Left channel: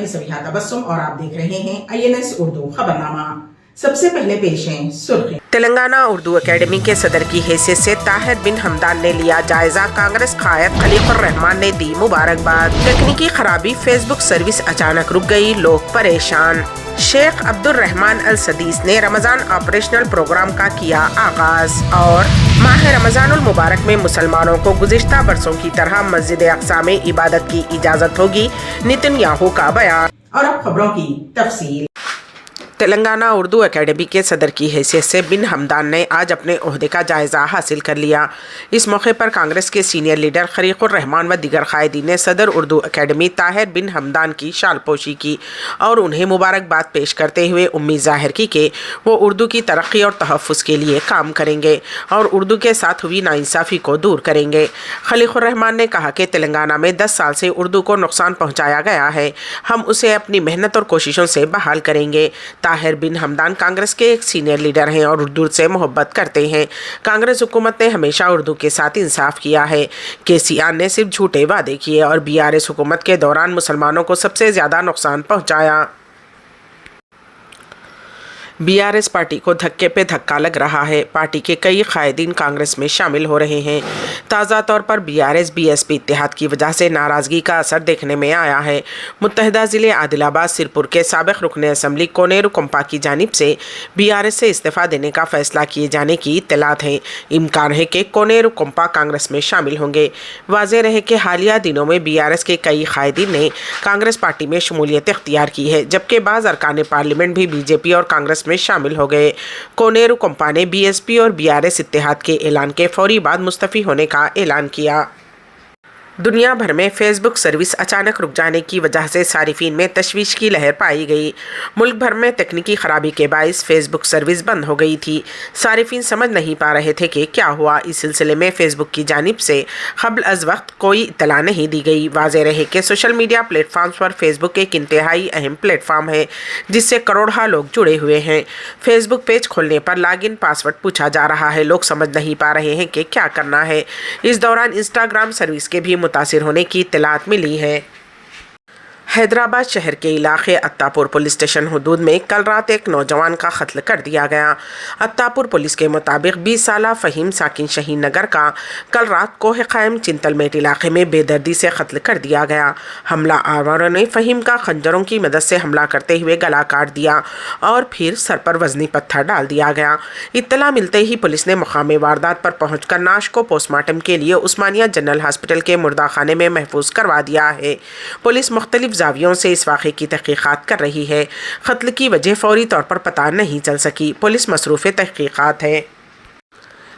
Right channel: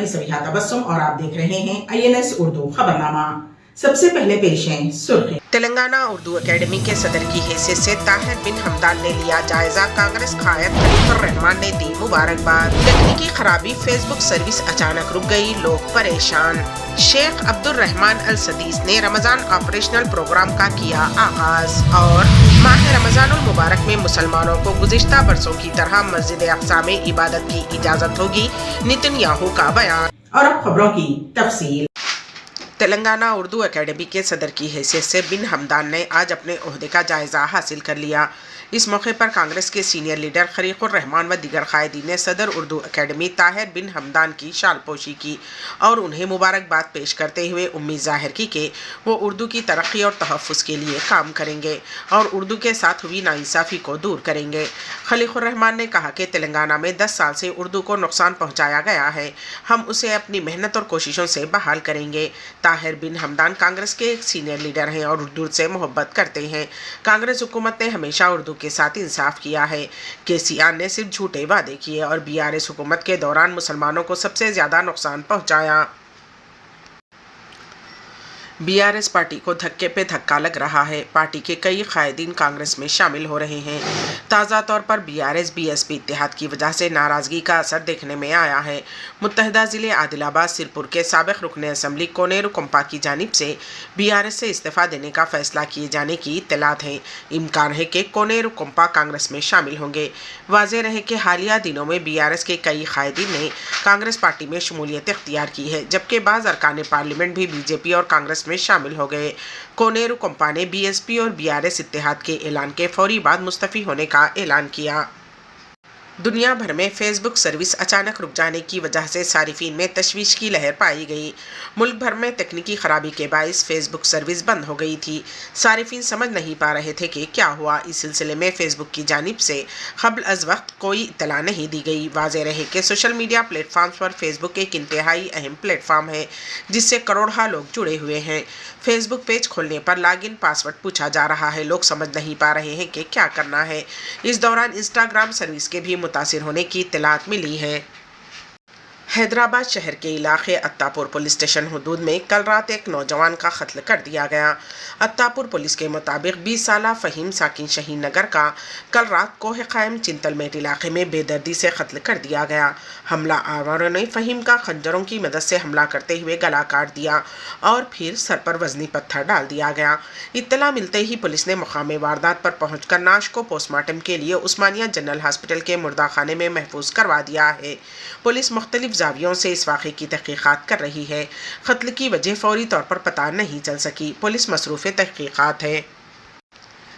मैं सबिहा तबस्सुम और आप देख रहे हैं INS उर्दू खबरनामा। सबसे पहले पेश हैं सुर्खियां। तेलंगाना उर्दू एकेडमी के सदर की हैसियत से ताहिर बिन हमदान ने लिया जायजा। कांग्रेस कायद खलीकुर रहमान ने दी मुबारकबाद। तकनीकी खराबी, फेसबुक सर्विस अचानक रुक गई, लोग परेशान। शेख अब्दुल रहमान अल सदीस ने रमजान ऑपरेशनल प्रोग्राम का किया आगाज। और माह रमजानुल मुबारक में मुसलमानों को गुज़िश्ता बरसों की तरह मस्जिद अक्सा में इबादत की इजाजत होगी, नेतन्याहू का बयान। और अब खबरों की तफसील। तेलंगाना उर्दू एकेडमी के सदर की हैसियत से बिन हमदान ने आज अपने ओहदे का जायजा हासिल कर लिया। इस मौके पर कांग्रेस के सीनियर लीडर खलीकुर रहमान व दीगर कायदीन ने सदर उर्दू एकेडमी ताहिर बिन हमदान की शालपोशी की और उन्हें मुबारकबाद पेश करते हुए उम्मीद जाहिर की कि वो उर्दू की तरक्की और तहफ़्फ़ुज़ के लिए काम करेंगे और उर्दू के साथ हुई नाइंसाफ़ी को दूर करेंगे। खलीकुर रहमान ने कहा कि तेलंगाना में 10 साल से उर्दू को नुकसान पहुँचाया गया है, हम उसे अपनी मेहनत और कोशिशों से बहाल करेंगे। ताहिर बिन हमदान कांग्रेस के एक सीनियर लीडर हैं और उर्दू से मोहब्बत करते हैं। कांग्रेस हुकूमत ने हमेशा उर्दू के साथ इंसाफ किया है। केसीआर ने सिर्फ झूठे वादे किए और BRS हुकूमत के दौरान मुसलमानों को सबसे ज़्यादा नुकसान पहुंचाया। BRS पार्टी को धक्के पे धक्का लग रहा है। पार्टी के कई कायदीन कांग्रेस में शामिल हो रहे हैं। ताज़ा तौर पर BRS BSP इत्तेहाद की वजह से नाराज़गी का असर देखने में आया है। मुत्तहिदा ज़िले आदिलाबाद सिरपुर के साबिक़ रुकन असम्बली कोनेरू कुंपा की जानिब से BRS से इस्तीफ़ा देने का फ़ैसला किए जाने की इत्तलात है। इम्कान है कि कोनेरू कुंपा कांग्रेस में शामिल होंगे। वाज़ेह रहे कि हालिया दिनों में BRS के कई कायदीन ने कांग्रेस पार्टी में शमूलियत इख्तियार की है, जबकि बाज़ अरकान पार्लियामेंट भी BJP और कांग्रेस में शामिल हो गए। कोनेरू कुंपा ने BSP और BRS इत्तेहाद के ऐलान के फौरी बाद मुस्तफ़ी होने का ऐलान किया। दुनिया भर में फेसबुक सर्विस अचानक रुक जाने की वजह से सारिफीन में तशवीश की लहर पाई गई। मुल्क भर में तकनीकी खराबी के बायस फेसबुक सर्विस बंद हो गई थी। सारिफीन समझ नहीं पा रहे थे कि क्या हुआ। इस सिलसिले में फेसबुक की जानिब से क़ब्ल अज़ वक्त कोई इत्तला नहीं दी गई। वाज़ेह रहे कि सोशल मीडिया प्लेटफॉर्म्स पर फेसबुक एक इंतहाई अहम प्लेटफॉर्म है जिससे करोड़ों लोग जुड़े हुए हैं। फेसबुक पेज खोलने पर लॉगिन पासवर्ड पूछा जा रहा है, लोग समझ नहीं पा रहे हैं कि क्या करना है। इस दौरान इंस्टाग्राम सर्विस के भी मुतासिर होने की इत्तलात मिली है। हैदराबाद शहर के इलाके अत्तापुर पुलिस स्टेशन हदूद में कल रात एक नौजवान का कत्ल कर दिया गया। अत्तापुर पुलिस के मुताबिक 20 साला फ़हीम साकिन शहीन नगर का कल रात कोह क़ायम चिंतलमेट इलाके में बेदर्दी से कत्ल कर दिया गया। हमला आवारों ने फ़हीम का खंजरों की मदद से हमला करते हुए गला काट दिया और फिर सर पर वज़नी पत्थर डाल दिया गया। इत्तला मिलते ही पुलिस ने मुकाम वारदात पर पहुँचकर नाश को पोस्टमार्टम के लिए उस्मानिया जनरल हॉस्पिटल के मुर्दाखाने में महफूज करवा दिया है। पुलिस मुख्तलिफ ज़ावियों से इस वाक़े की तहक़ीक़ात कर रही है। क़त्ल की वजह फ़ौरी तौर पर पता नहीं चल सकी। पुलिस मसरूफ़ तहक़ीक़ात है।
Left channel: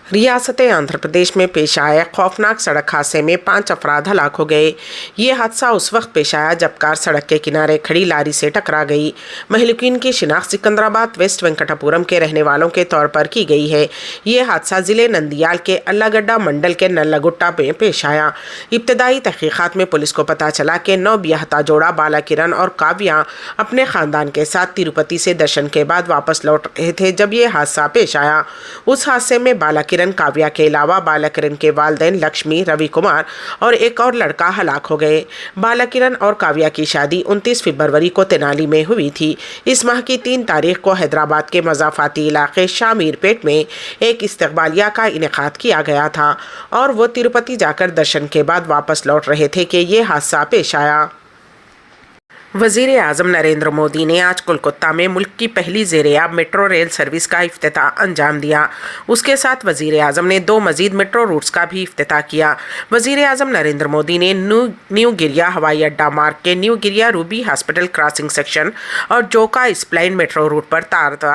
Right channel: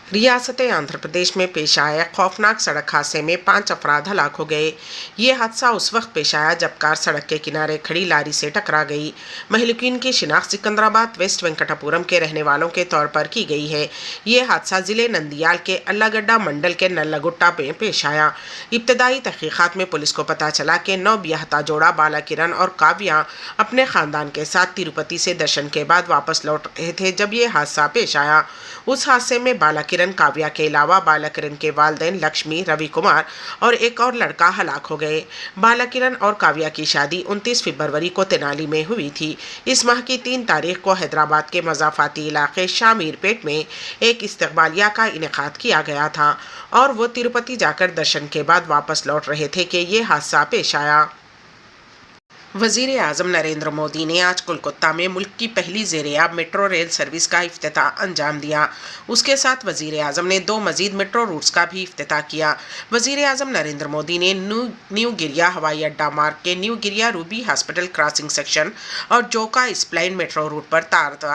रियासत आंध्र प्रदेश में पेश आए खौफनाक सड़क हादसे में 5 अफराद हलाक हो गए। ये हादसा उस वक्त पेश आया जब कार सड़क के किनारे खड़ी लारी से टकरा गई। महलुकीन की शिनाख्त सिकंदराबाद वेस्ट वेंकटापुरम के रहने वालों के तौर पर की गई है। ये हादसा ज़िले नंदियाल के अल्लागड्डा मंडल के नल्लागुट्टा में पेश आया। इब्तदाई तहक़ीक़ात में पुलिस को पता चला कि नौबियाहता जोड़ा बालाकिरण और काव्या अपने ख़ानदान के साथ तिरुपति से दर्शन के बाद वापस लौट रहे थे जब ये हादसा पेश आया। उस हादसे में बालाकिरण काव्या के अलावा बालाकिरण के वालिदैन लक्ष्मी, रवि कुमार और एक और लड़का हलाक हो गए। बालाकिरण और काव्या की शादी 29 फरवरी को तेनाली में हुई थी। इस माह की 3 तारीख को हैदराबाद के मज़ाफ़ाती इलाके शामीरपेट में एक इस्तक़बालिया का इनेकाद किया गया था और वो तिरुपति जाकर दर्शन के बाद वापस लौट रहे थे कि ये हादसा पेश आया। वज़ीर आज़म नरेंद्र मोदी ने आज कोलकाता में मुल्क की पहली ज़ेर-ए-आब मेट्रो रेल सर्विस का इफ्तिताह अंजाम दिया। उसके साथ वज़ीर आज़म ने 2 मज़ीद मेट्रो रूट्स का भी इफ्तिताह किया। वज़ीर आज़म नरेंद्र मोदी ने न्यू गिरिया हवाई अड्डा मार्ग के न्यू गिरिया रूबी हॉस्पिटल क्रॉसिंग सेक्शन और जोका स्प्लाइन मेट्रो रूट पर तारता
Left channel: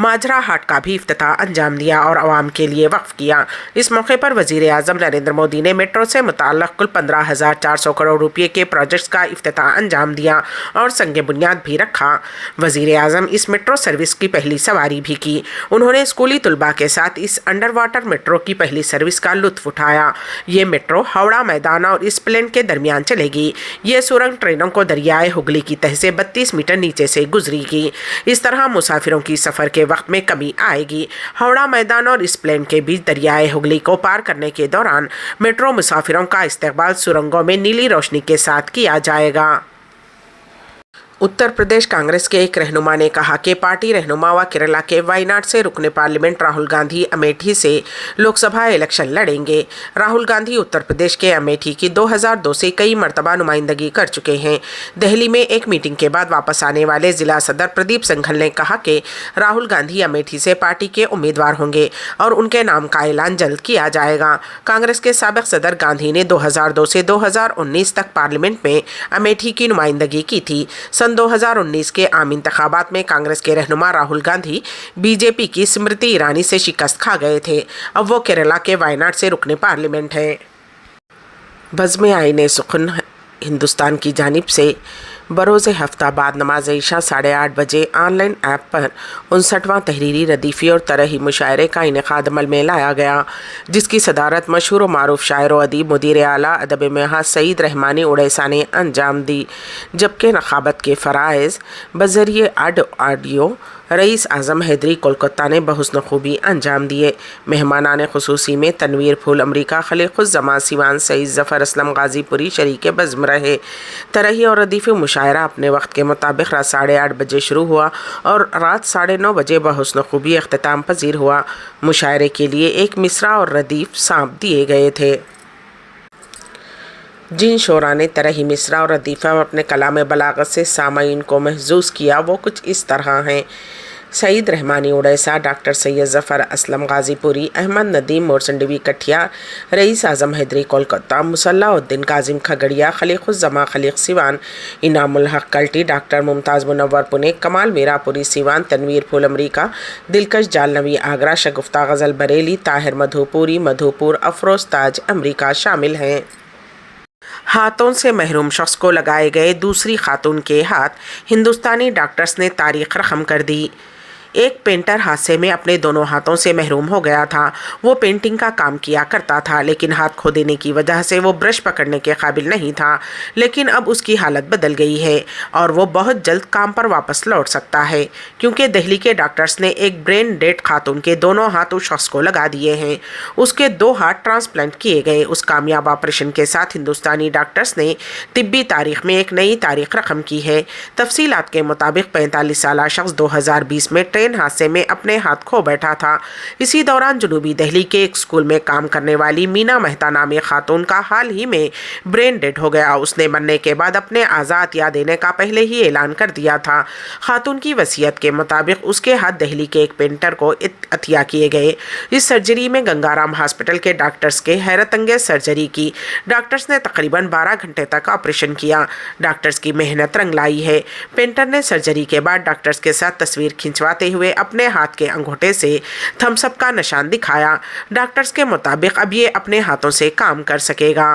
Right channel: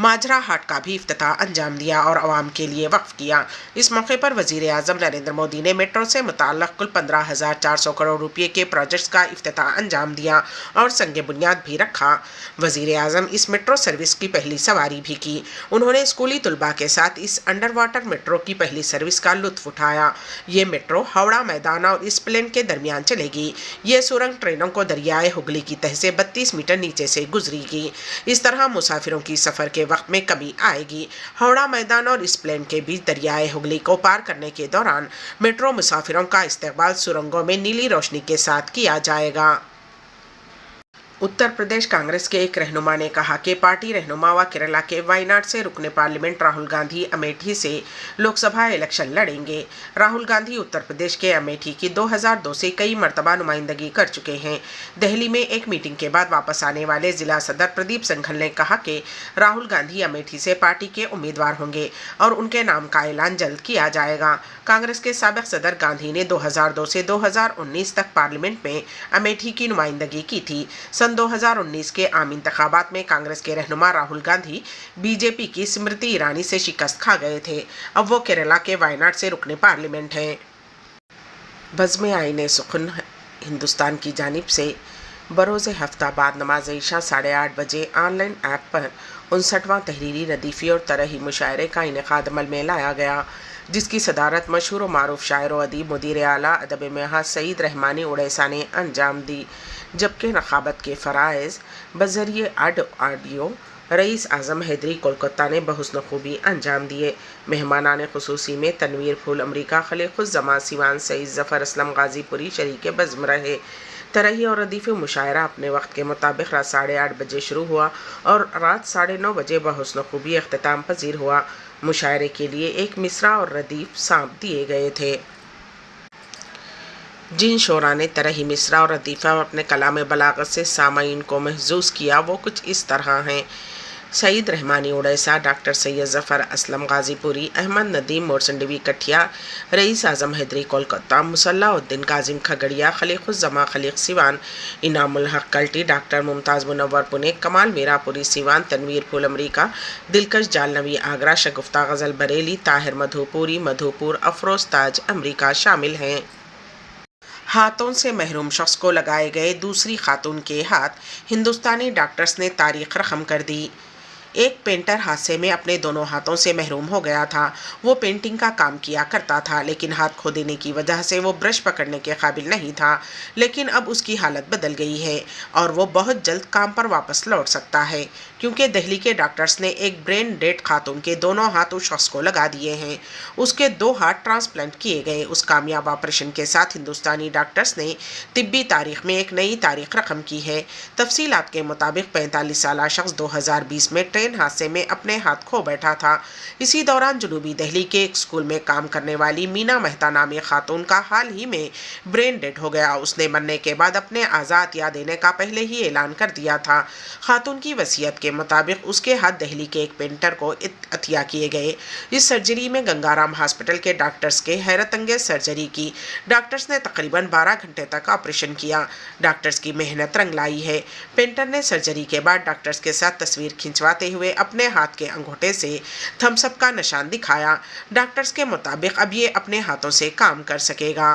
माजरा हाट का भी इफ्तिताह अंजाम दिया और आवाम के लिए वक्फ किया। इस मौके पर वज़ीर आज़म नरेंद्र मोदी ने मेट्रो से मुताल्लिक़ कुल 15,400 करोड़ रुपये के प्रोजेक्ट्स का इफ्तिताह अंजाम दिया और संग बुनियाद भी रखा। वज़ीर आज़म इस मेट्रो सर्विस की पहली सवारी भी की। उन्होंने स्कूली तलबा के साथ इस अंडर वाटर मेट्रो की पहली सर्विस का लुत्फ़ उठाया। ये मेट्रो हावड़ा मैदान और स्प्लेन के दरमियान चलेगी। ये सुरंग ट्रेनों को दरियाए हुगली की तह से 32 मीटर नीचे से गुजरेगी। इस तरह मुसाफिरों की सफ़र के वक्त में कमी आएगी। हावड़ा मैदान और स्प्लेन के बीच दरियाए हुगली को पार करने के दौरान मेट्रो मुसाफिरों का इस्तकबाल सुरंगों में नीली रोशनी के साथ किया जाएगा। उत्तर प्रदेश कांग्रेस के एक रहनुमा ने कहा कि पार्टी रहनुमा व केरला के वायनाड से रुकने पार्लियामेंट राहुल गांधी अमेठी से लोकसभा इलेक्शन लड़ेंगे। राहुल गांधी उत्तर प्रदेश के अमेठी की 2002 से कई मर्तबा नुमाइंदगी कर चुके हैं। दिल्ली में एक मीटिंग के बाद वापस आने वाले जिला सदर प्रदीप सिंघल ने कहा कि राहुल गांधी अमेठी से पार्टी के उम्मीदवार होंगे और उनके नाम का ऐलान जल्द किया जाएगा। कांग्रेस के साबिक सदर गांधी ने 2002 से 2019 तक पार्लियामेंट में अमेठी की नुमाइंदगी की थी। सन 2019 के आम इंतखाबात में कांग्रेस के रहनुमा राहुल गांधी बीजेपी की स्मृति ईरानी से शिकस्त खा गए थे। अब वो केरला के वायनाड से रुकने पार्लियामेंट हैं। बज़्म आईने सुखन हिंदुस्तान की जानिब से बरोज़ हफ्ता बाद नमाज ईशा 8:30 बजे ऑनलाइन ऐप पर 59वां तहरीरी रदीफ़ी और तरही मुशायरे का इनेकाद अमल में लाया गया, जिसकी सदारत मशहूर व मारूफ शायर व अदीब मुदीर आला अदब महज सईद रहमानी उड़ैसा ने अंजाम दी, जबकि नखाबत के फ़राइज़ बज़रिए ऑडियो रईस आज़म हैदरी कोलकाता ने बहुस्न खूबी अंजाम दिए। मेहमानान खुसूसी में तनवीर फूल अमरीका खलीक़ुज़्ज़मा सिवान सईद ज़फ़र असलम गाज़ीपुरी शरीक बज़्म रहे। तरही और रदीफ़ मुशायरा अपने वक्त के मुताबिक रात 8:30 बजे शुरू हुआ और रात 9:30 बजे बहुस्न खूबी अख्तिताम पजीर हुआ। मुशायरे के लिए एक मिसरा और रदीफ़ सांप दिए गए थे। जिन शोरा ने तरही मिसरा और रदीफ़ा अपने कलाम बलागत से सामाईन को महजूज़ किया वो कुछ इस तरह हैं। सईद रहमानी उड़ैसा, डॉक्टर सैयद ज़फ़र असलम गाज़ीपुरी, अहमद नदीम मोरसंडवी कठिया, रईस आज़म हैदरी कोलकाता, मुसल्लाउद्दीन काजिम खगड़िया, खलीक़ुज़्ज़मा खलीक़ सिवान, इनामुल हक़ कल्टी, डॉक्टर मुमताज़ मुनव्वर पुणे, कमाल मीरापुरी सिवान, तनवीर फूल अमरीका, दिलकश जालनवी आगरा, शगुफ्ता गज़ल बरेली, ताहिर मधुपुरी मधुपुर, अफरोज़ ताज अमरीका शामिल हैं। हाथों से महरूम शख्स को लगाए गए दूसरी खातून के हाथ हिंदुस्तानी डॉक्टर्स ने तारीख रकम कर दी। एक पेंटर हादसे में अपने दोनों हाथों से महरूम हो गया था। वो पेंटिंग का काम किया करता था, लेकिन हाथ खो देने की वजह से वो ब्रश पकड़ने के काबिल नहीं था। लेकिन अब उसकी हालत बदल गई है और वो बहुत जल्द काम पर वापस लौट सकता है, क्योंकि दिल्ली के डॉक्टर्स ने एक ब्रेन डेड खातून के दोनों हाथ उस शख्स को लगा दिए हैं। उसके 2 हाथ ट्रांसप्लांट किए गए। उस कामयाब ऑपरेशन के साथ हिंदुस्तानी डॉक्टर्स ने तिब्बी तारीख में एक नई तारीख रकम की है। तफसीलात के मुताबिक 45 साला शख्स 2020 में ट्रेन हादसे में अपने हाथ खो बैठा था। इसी दौरान जनूबी दिल्ली के एक स्कूल में काम करने वाली मीना मेहता नामी खातून का हाल ही में ब्रेन डेड हो गया। उसने मरने के बाद अपने आज़ाद या देने का पहले ही ऐलान कर दिया था। खातून की वसीयत के मुताबिक उसके हाथ दिल्ली के एक पेंटर को अतिया किए गए। इस सर्जरी में गंगाराम हॉस्पिटल के डॉक्टर्स के हैरत अंगेज सर्जरी की। डॉक्टर्स ने तकरीबन 12 घंटे तक ऑपरेशन किया। डॉक्टर्स की मेहनत रंग लाई है। पेंटर ने सर्जरी के बाद डॉक्टर्स के साथ तस्वीर खिंचवाते हुए अपने हाथ के अंगूठे से थम्स अप का निशान दिखाया। डॉक्टर्स के मुताबिक अब ये अपने हाथों से काम कर सकेगा।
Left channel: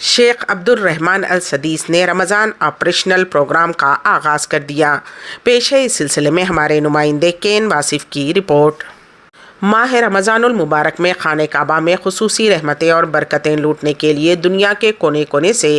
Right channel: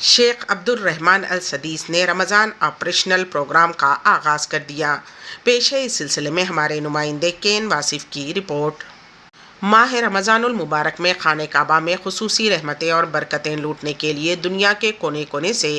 शेख अब्दुल रहमान अल सदीस ने रमज़ान ऑपरेशनल प्रोग्राम का आगाज़ कर दिया। पेश है इस सिलसिले में हमारे नुमाइंदे केन वासिफ की रिपोर्ट। माह रमज़ानुल मुबारक में खाने काबा में खुसूसी रहमतें और बरकतें लूटने के लिए दुनिया के कोने कोने से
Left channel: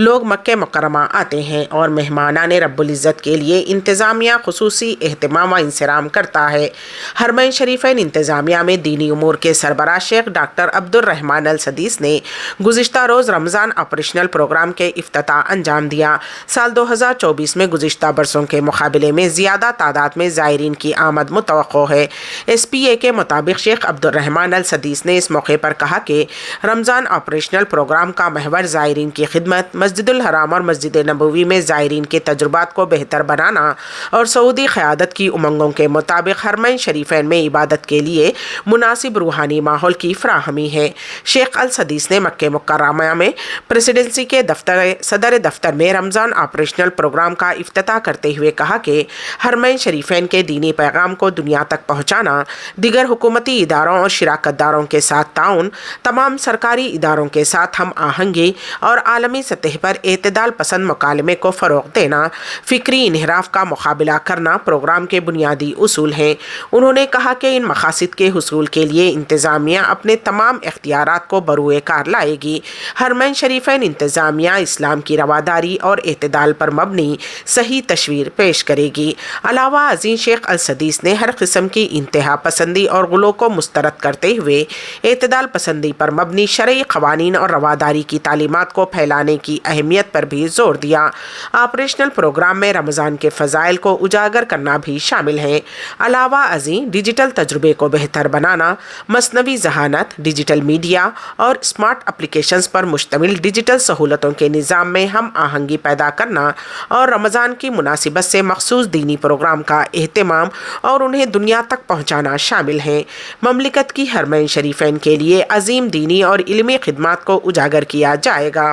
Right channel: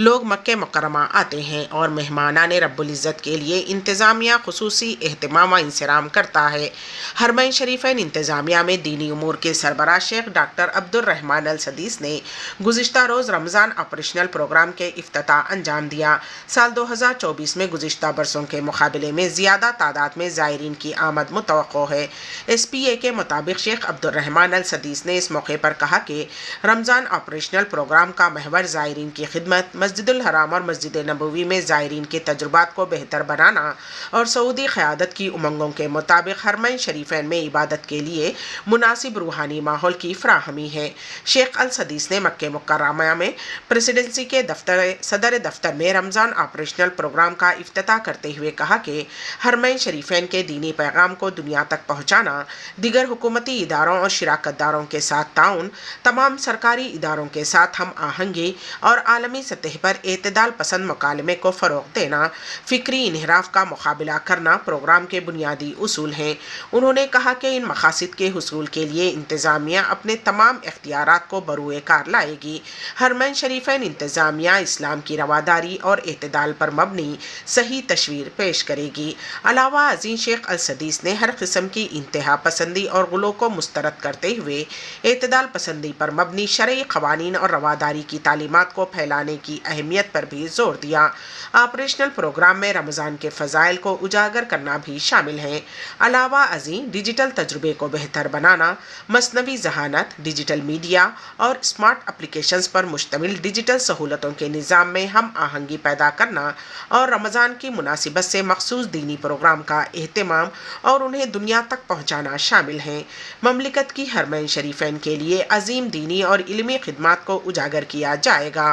लोग मक्के मुकर्रमा आते हैं और मेहमानान रब्बुल इज़्ज़त के लिए इंतज़ामिया खुसूसी एहतमाम व इंसराम करता है। हरमैन शरीफैन इंतज़ामिया में दीनी उमूर के सरबराह शेख डॉक्टर अब्दुल रहमान अल सदीस ने गुज़िश्ता रोज़ रमज़ान ऑपरेशनल प्रोग्राम के इफ्तिताह अंजाम दिया। साल 2024 में गुज़िश्ता बरसों के मुकाबले में ज़्यादा तादाद में ज़ायरीन की आमद मुतवक्को है। SPA के मुताबिक शेख अब्दुल रहमान अल सदीस ने इस मौके पर कहा कि रमज़ान ऑपरेशनल प्रोग्राम का महवर ज़ायरीन की खिदमत, मस्जिदुल हराम और मस्जिद नबवी में ज़ायरीन के तजुर्बात को बेहतर बनाना और सऊदी क़यादत की उमंगों के मुताबिक हरमैन शरीफैन में इबादत के लिए मुनासिब रूहानी माहौल की फ़राहमी है। शेख अल सदीस ने मक्के मुकर्रमा में प्रेसिडेंसी के सदर दफ्तर में रमज़ान ऑपरेशनल प्रोग्राम का इफ्तिताह करते हुए कहा कि हरमैन शरीफैन के दीनी पैगाम को दुनिया तक पहुँचाना, दिगर हुकूमती इदारों और शिराकतदारों के साथ ताउन, तमाम सरकारी इदारों के साथ हम आहंगी और आलमी सतह पर एतदाल पसंद मुकालमे को फ़रोग़ देना, फ़िक्री इन्हिराफ का मुकाबला करना प्रोग्राम के बुनियादी उसूल हैं। उन्होंने कहा कि इन मकासद के हुसूल के लिए इंतज़ामिया अपने तमाम इख्तियारात को बरूए कार लाएगी। हरमैन शरीफैन इंतज़ामिया इस्लाम की रवादारी और एतदाल पर मबनी सही तस्वीर पेश करेगी। अलावा अज़ीज़ शेख अल सदीस ने हर किस्म की इंतहा पसंदी और गुलों को मुस्तरद करते हुए एतदाल पसंदी पर मबनी शरई क़वानीन और रवादारी की तालीमात को फैलाने की अहमियत पर भी जोर दिया। ऑपरेशनल प्रोग्राम में रमज़ान के फ़ज़ाइल को उजागर करना भी शामिल है। अलावा अज़ीं डिजिटल तजुर्बे को बेहतर बनाना, मसनवी ज़हानत, डिजिटल मीडिया और स्मार्ट एप्लीकेशंस पर मुश्तमिल डिजिटल सहूलतों के निज़ाम में हम आहंगी पैदा करना और रमज़ान की मुनासिबत से मखसूस दीनी प्रोग्राम का एहतमाम और उन्हें दुनिया तक पहुँचाना शामिल है। ममलिकत की हरमैन शरीफैन के लिए अजीम दीनी और इल्मी खिदमात को उजागर किया जाएगा।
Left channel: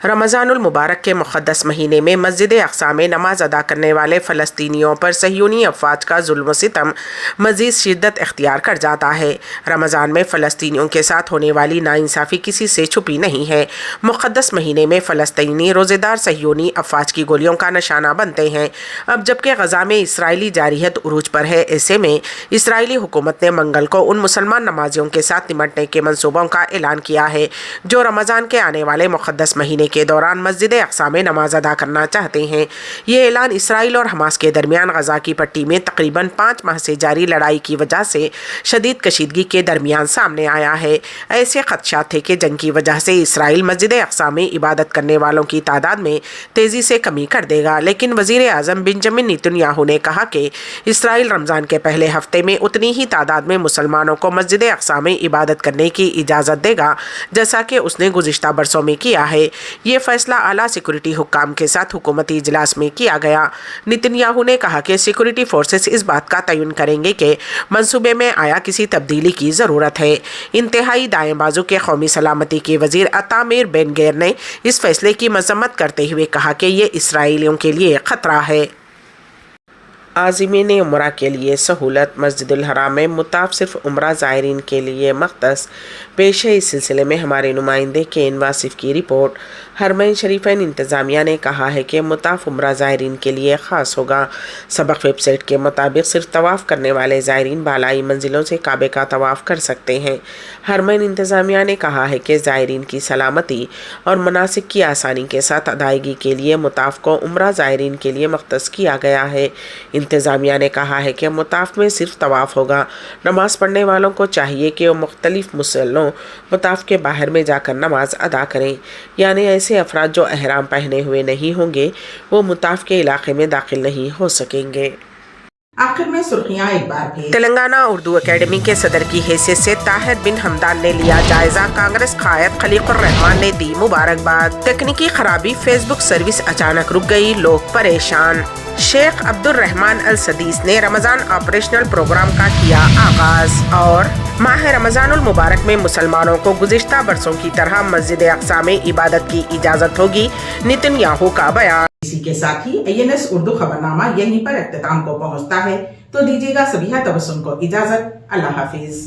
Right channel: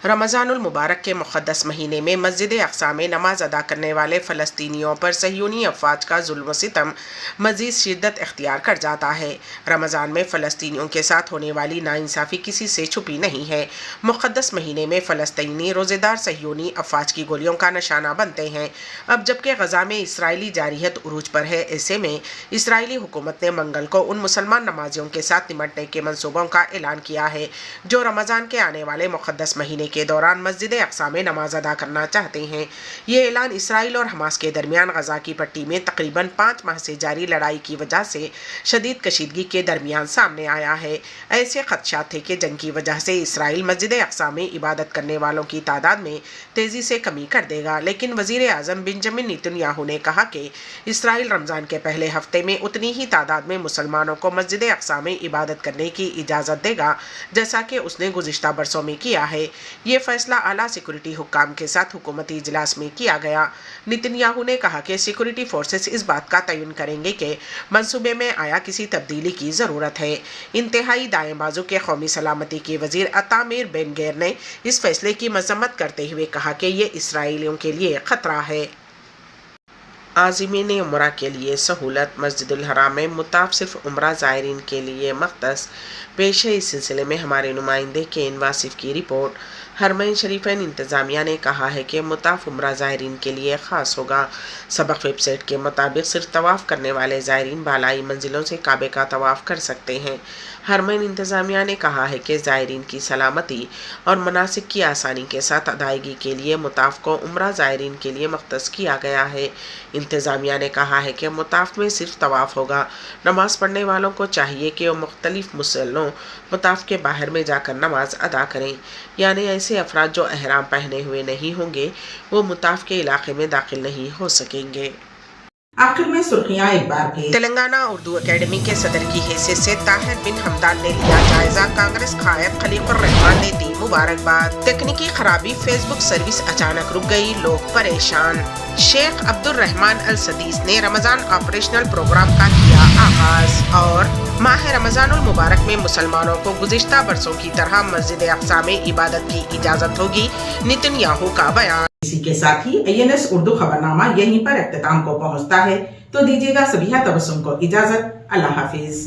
रमज़ानुल मुबारक के मुक़द्दस महीने में मस्जिद अक़सा में नमाज अदा करने वाले फ़लस्तीनियों पर सह्यूनी अफ़वाज का जुल्म सितम मज़ीद शिद्दत इख्तियार कर जाता है। रमज़ान में फ़लस्तीनियों के साथ होने वाली नाइंसाफ़ी किसी से छुपी नहीं है। मुक़द्दस महीने में फ़लस्तीनी रोज़ेदार सह्यूनी अफ़वाज की गोलियों का निशाना बनते हैं। अब जबकि गज़ा में इसराइली जारियत उरूज पर है, ऐसे में इसराइली हुकूमत ने मंगल को उन मुसलमान नमाजियों के साथ निमटने के मनसूबों का ऐलान किया है जो रमज़ान के आने वाले मुक़द्दस महीने के दौरान मस्जिद अक़सा में नमाज अदा करना चाहते हैं। ये ऐलान इसराइल और हमास के दरमियान गज़ा की पट्टी में तकरीबन 5 माह से जारी लड़ाई की वजह से शदीद कशीदगी के दरमियान सामने आया है। ऐसे खदशात थे कि जंग की वजह से इसराइल मस्जिद अक़सा में इबादत करने वालों की तादाद में तेज़ी से कमी कर देगा, लेकिन वज़ीर आज़म बेंजामिन नेतन्याहू ने कहा कि इसराइल रमज़ान के पहले हफ्ते में उतनी ही तादाद में मुसलमानों को मस्जिद अक़सा में इबादत करने की इजाज़त देगा जैसा कि उसने गुज़िश्ता बरसों में किया है। ये फैसला आला सिक्योरिटी हुक्काम के साथ हुकूमती इजलास में किया गया। नेतन्याहू ने कहा कि सिक्योरिटी फोर्सेस इस बात का तयन करेंगे कि मंसूबे में आया किसी तब्दीली की ज़रूरत है। इंतहाई दाएं बाजू के कौमी सलामती के वज़ीर अतामिर बेन गैर ने इस फैसले की मजम्मत करते हुए कहा कि ये इसराइलियों के लिए ख़तरा है। आज़िमीन उम्रा के लिए सहूलत। मस्जिदुल हराम में मुताफ सिर्फ उम्रा ज़ायरीन के लिए मख्तस। पेश है इस सिलसिले में हमारे नुमाइंदे केन वासिफ की रिपोर्ट। हरमैन शरीफैन इंतज़ामिया ने कहा है कि मुताफ उम्रा ज़ायरीन के लिए ख़ास होगा। सबक वेबसाइट के मुताबिक सिर्फ तवाफ़ करने वाले ज़ायरीन बालाई मंजिलों से काबे का तवाफ़ कर सकते हैं। हरमैन इंतज़ामिया ने कहा है कि ज़ायरीन की सलामती और मनासिक की आसानी के साथ अदायगी के लिए मुताफ को उम्रा ज़ायरीन के लिए मख्तस किया गया है। इंतज़ामिया ने कहा है कि मुताफ में सिर्फ तवाफ़ होगा। नमाज़ पढ़ने वालों को चाहिए कि वो मुख्तलिफ मुसल्लों मुताफ के बाहर में जाकर नमाज अदा करें, यानी ऐसे अफराद जो एहराम पहने हुए नहीं होंगे वो मुताफ के इलाके में दाखिल नहीं हो सकेंगे। आखिर में सुर्खियां एक बार फिर। तेलंगाना उर्दू अकेडमी के सदर की हैसियत से ताहिर बिन हमदान ने लिया जायजा। कांग्रेस कायद खलीकुर रहमान ने दी मुबारकबाद। तकनीकी खराबी, फेसबुक सर्विस अचानक रुक गई, लोग परेशान। शेख अब्दुल रहमान अल सदीस ने रमज़ान ऑपरेशनल प्रोग्राम का किया आगाज। और माह रमज़ानुल मुबारक में मुसलमानों को गुज़िश्ता बरसों की तरह मस्जिद अक़सा में इबादत की इजाज़त होगी, नेतन्याहू का बयान। इसी के साथ ही INS उर्दू खबरनामा यहीं पर इख्तिताम को पहुंचता है। तो दीजिएगा सभी तबस्सुम को इजाजत। अल्लाह हाफिज।